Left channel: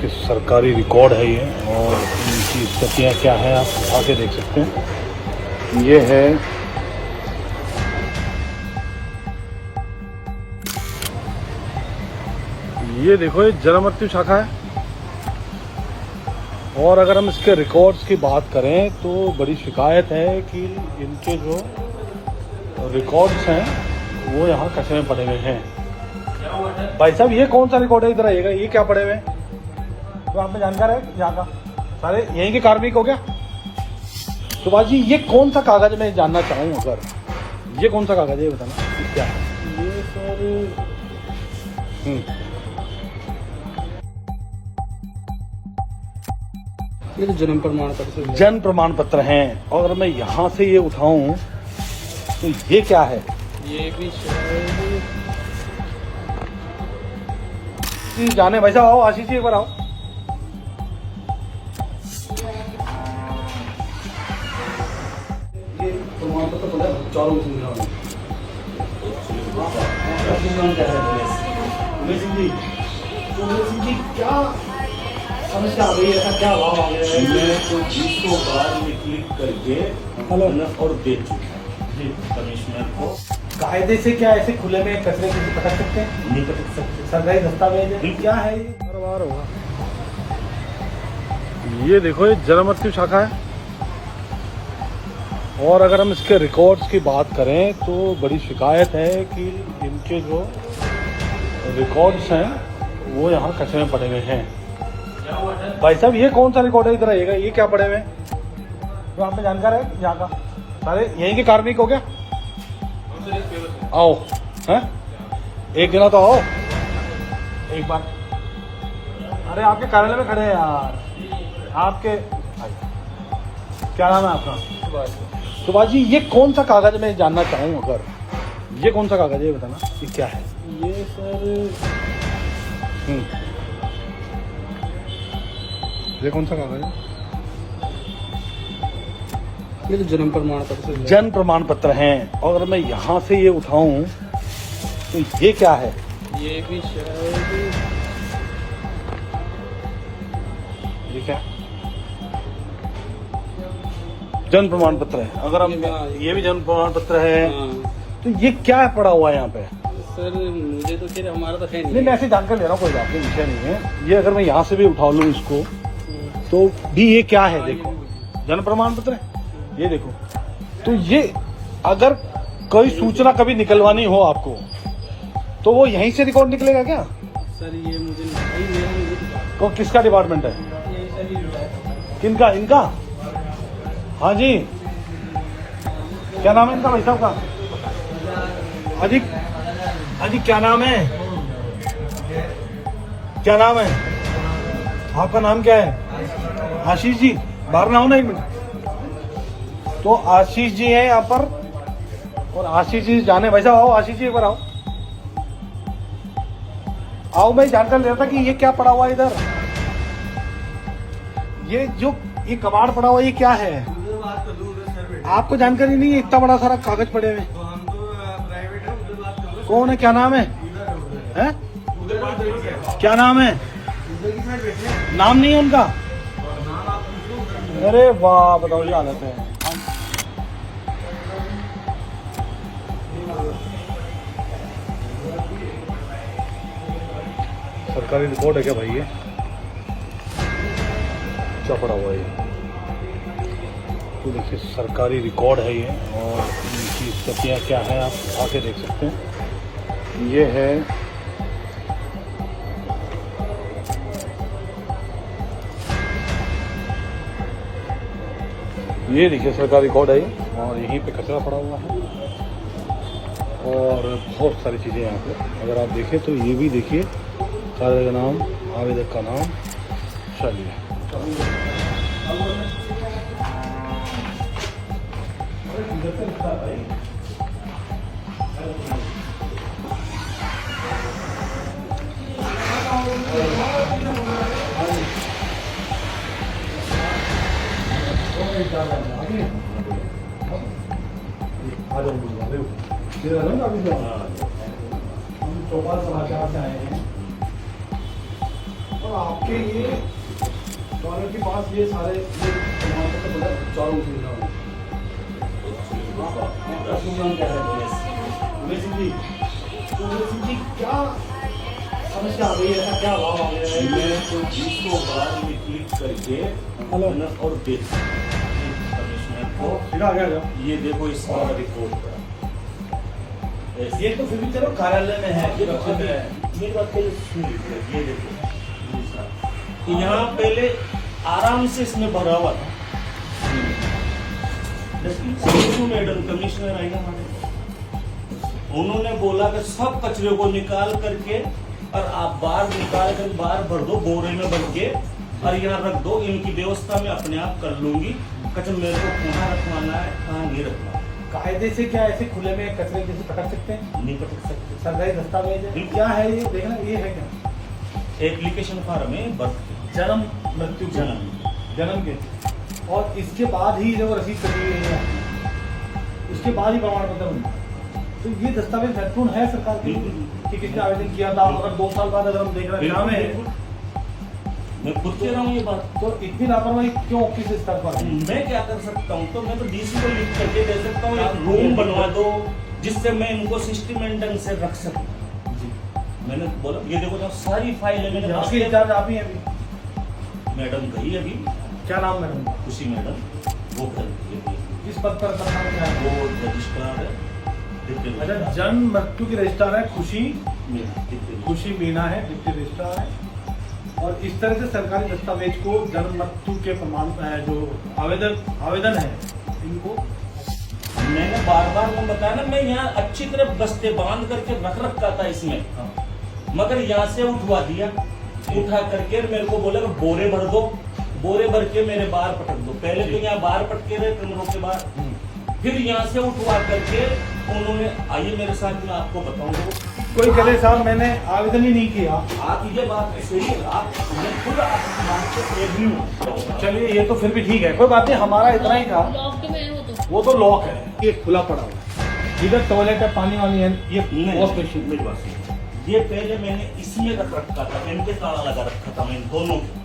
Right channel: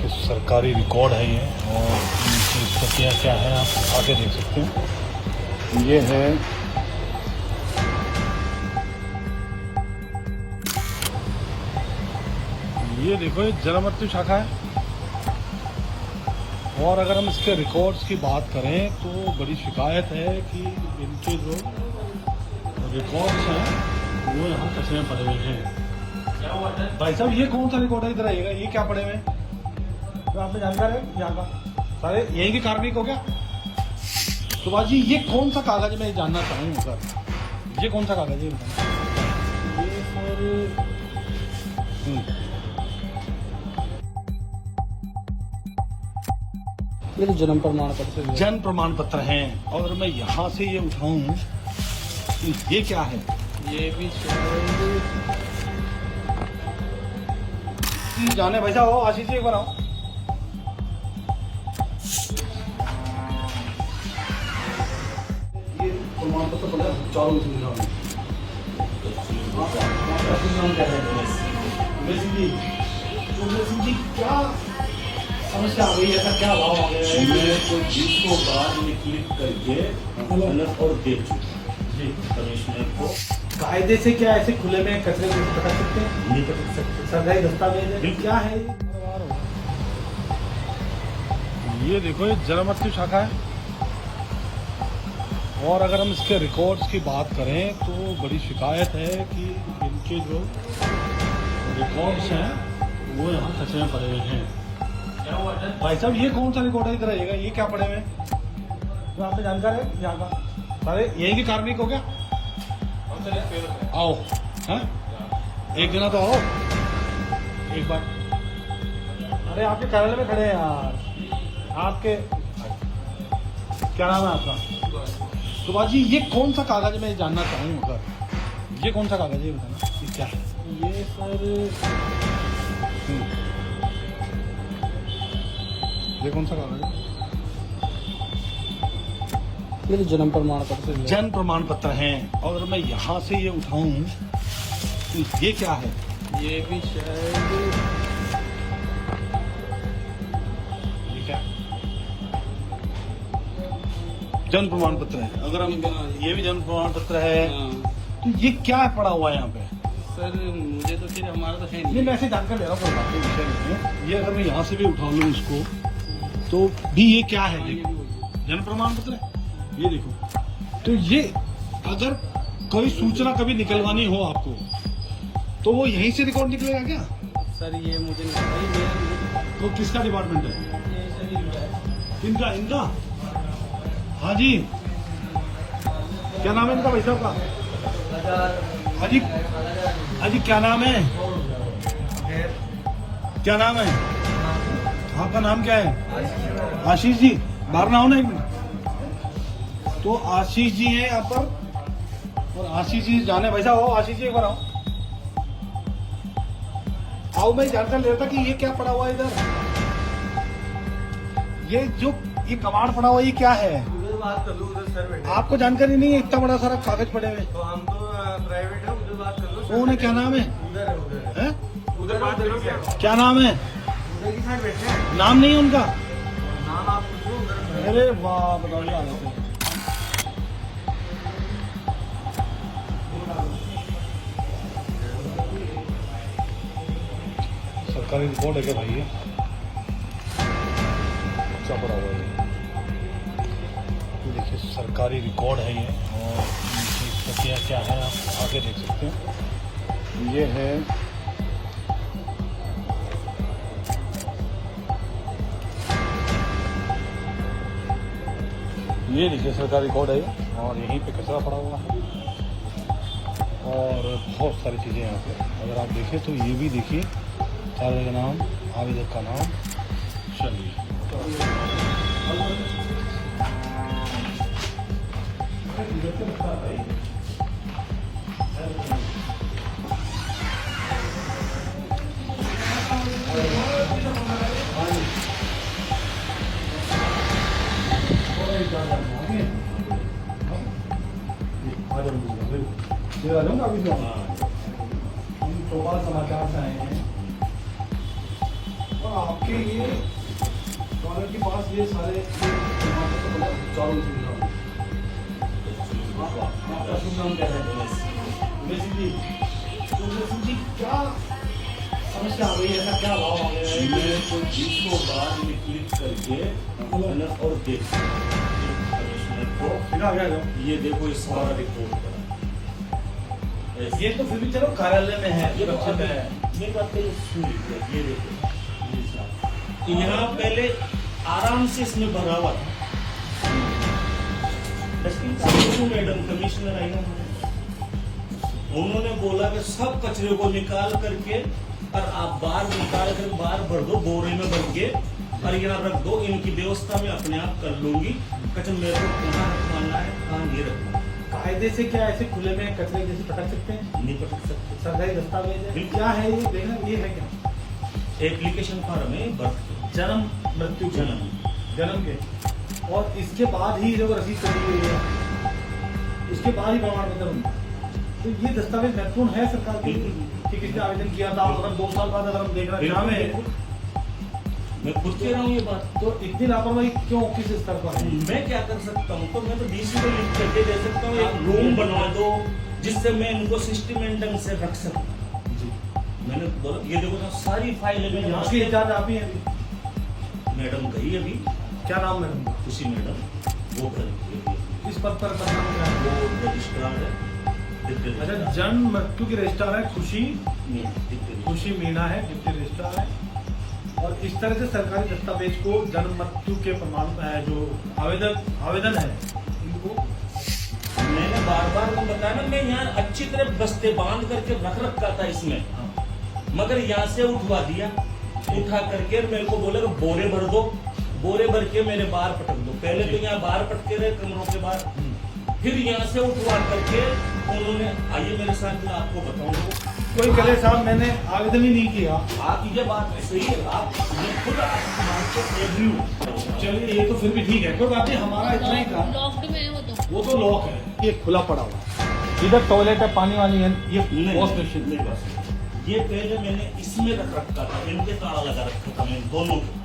देखिए सरकारी रिकॉर्ड है ये, और इनकी स्थितियाँ क्या है आप आगे देख सकते हैं। ये है ये देखो, ये जन्म मृत्यु शाखा है। और अगर हम इसके रिकॉर्ड्स की बात करें तो बड़ी शिकायत है कि इनके जो रिकॉर्ड्स हैं वो यहाँ कचरे में पड़े हुए हैं। भाई साहब, ये कौन सा रिकॉर्ड है? इधर आइएगा, ये क्या पड़े हुए हैं जो आपने जानकार है यहाँ का? सारे यहीं के कार्मिक हो गया। सुभाष जी, ये कौन सा कागज है? मैं जानना चाहूँ अगर ये कौन सा कागज है, बताना क्या? ये सर ये तो जन्म प्रमाण पत्र, जन्म प्रमाण पत्र हैं। और अगर मैं यहाँ से ये उठाऊं तो ये क्या है? ये भी शायद जाने भाई साहब, आओ आशीष जी, एक बार आओ। ये प्रमाण पत्र पड़ा चारों जी, क्या समस्या आ गई? ऐसा क्या भाव आ गया है? मैं तो जीत को बाद में क्लिक करके और बेच जी कमिश्नर को। कायदे से क्या ऐसे खुले में कचरे को पकड़ सकते हैं? नहीं पकड़ सकते। सरकारी दस्तावेज है, क्या है ये? ये देखो, ये जन्म मृत्यु शाखा है। और अगर हम इसके रिकॉर्ड्स की बात करें तो बड़ी शिकायत है कि इनके जो रिकॉर्ड्स हैं वो यहाँ कचरे में पड़े हुए हैं। भाई साहब, ये कौन सा रिकॉर्ड है? इधर आइएगा, ये क्या पड़े हुए हैं जो आपने जानकार है यहाँ का? सारे यहीं के कार्मिक हो गया। आओ हैं, एक गिना तो आओ एक बार। अरे आपके कार्यालय में खड़े हैं यार। आपके क्या नाम है आपका? सुभाष जी, ये कौन सा कागज है? मैं जानना चाहूँ अगर ये कौन सा कागज है, बताना ये क्या है? ये सर ये कौन सा कागज है? ये तो जन्म प्रमाण पत्र, जन्म प्रमाण पत्र हैं। और अगर मैं यहाँ से ये उठाऊं तो ये क्या है? ये भी शायद ठीक है, जन्म प्रमाण पत्र है। अगर हम ये भी जन्म प्रमाण पत्र है हाँ। तो ये क्या पड़ा हुआ है यहाँ पे? सर मुझे तो फिर हमारा तो है नहीं, मैं ऐसे जानकर ले रहा हूँ, कोई बात नहीं, विषय नहीं है ये। अगर मैं यहाँ से भी उठा लूँ इसको तो भी ये क्या है? देखो, जन्म प्रमाण पत्र है, ये देखो। तो ये अगर कोई सूचना कभी निकलवानी हो आपको तो वो यहीं से रिकॉर्ड निकलेगा क्या? सर ये मुझे नहीं, तो किसका डिपार्टमेंट है? किनका? इनका? हाँ जी, क्या नाम है इनका भाई साहब का? हाजी, हाजी क्या नाम है? क्या नाम है आपका? नाम क्या है? आशीष जी, बाहर ना हो ना एक मिनट। तो आशीष जी हैं यहाँ पर, और आशीष जी जाने। भाई साहब आओ, आशीष जी एक बार आओ। आओ, मैं जानकर ले रहा था कि ये क्या पड़ा हुआ है इधर। ये जो ये कबाड़ पड़ा हुआ है, ये क्या है? आपको जानकारी नहीं है? इतना बड़ा सारा कागज पड़े हुए। कौन है? क्या नाम है? हैं? क्या नाम है? नाम नहीं है उनका? अरे वाह, बताओ ये हालत है। सरकारी रिकॉर्ड है क्या भाई? ये क्या पड़ा हुआ है? तो देखिए सरकारी रिकॉर्ड है ये, और इनकी स्थितियाँ क्या है आप आगे देख सकते हैं। ये है ये देखिए सरकारी रिकॉर्ड है ये, और यहीं पे कचरा पड़ा हुआ है और बहुत सारी चीजें यहाँ पे। अगर आप देखें तो ये भी देखिए, कार्य का नाम, आवेदक का नाम, चलिए हम चौपाल समाचार से आए हैं और आप इसके लिए टॉयलेट के पास ये सारे प्रमाण पत्र मतलब चारों सुविधा क्या समस्या आ गई है, ऐसा क्या भाव आ गया है? मैं तो 20 को बाद में क्लिक करके और देख कमिश्नर को फिर आ गया ये देखो इस सारा रिपोर्ट का ये तो फिर भी चलो कार्यालय में है, ये सुरक्षित है। ये बात पहले सुन लीजिए, ये देखो ये सारा। तो यहाँ पहले आराम से इसमें भरा हुआ था। मैडम कमिश्नर आई ना, उन्होंने बोला कि सब कचरे को निकाल करके और आप बाहर निकाल कर बाहर भर दो, बोरे में भर के और यहाँ रख दो, इनकी व्यवस्था में अपने आप कर लूंगी। कचरा मेरे को कहाँ रखवाना है, कहाँ नहीं रखना। कायदे से क्या ऐसे खुले में कचरे जैसे पटक सकते हैं? नहीं पकड़ सकते। सरकारी दस्तावेज है, क्या है ये देखना, ये है क्या? एप्लीकेशन फॉर्म है, बर्थ जन्म मृत्यु जन्म के, और इसके बाद ही जब रसीद कटी है, इसके बाद ही प्रमाण पत्र बनता है। तो ये दस्तावेज महत्वपूर्ण है सरकार के लिए कि किसने आवेदन किया था, अगर 2 साल बाद अगर हम देख रहे हैं, मैं खुद कह रहा हूँ ये बात। तो इतनी लापरवाही क्यों, किस स्तर पर है? मैं क्या कर सकता हूँ? तो मैं तो डीसी को लिख करके दे सकता हूँ, एक रूम बनवा दो जिससे मैं इनको सिस्टमेंट ढंग से रख सकूँ। मैंने बोला ये देखो ना, सारी फाइलें मैंने यहाँ की इंचार्ज आप ही हैं अभी? मैडम गई अभी, क्या नाम मैडम? खुशी मैडम, वो कर इस पद पर नाम क्या है? वो रजिस्ट्रार है। अच्छा, जन्म मृत्यु की रजिस्ट्रार है खुशी मीणा है, डिप्टी रजिस्ट्रार है। और इस तरह से सरकारी दस्तावेज को जन्म मृत्यु के प्रमाण जो आवेदन है इनको मैंने बार बार वो बताया ना, मैं यहाँ अच्छी तरह बस्ते बांध करके रख रखा था इसमें, मगर यहाँ से उठवा दिया। उठा करके मेरे को बोले कि बोरे भर दो, बोरे भर के मेरे बाहर पटक दो। पहले तो यहाँ बाहर पटके रहे कमरों के बाहर, फिर यहाँ से उठवा करके उन्होंने, आइए मेरे साथ में आपको बताऊंगा। कोई कहे साहब मैंने आवेदन ही नहीं किया, आप ये बात सही है, आप मैं खुद आपकी बात से एग्री हूँ। चलिए ये तो फिर भी ठीक है, कोई बात नहीं, हमारा इतना ही था। लॉक्ड में है वो तो लॉक है, ये खुला पड़ा हुआ, इधर टॉयलेट है, पानी वाली है, ये वॉश मशीन। ये पहले मैंने इसमें रख रखा था, इनके ताला लगा रखा था मैंने दोनों को।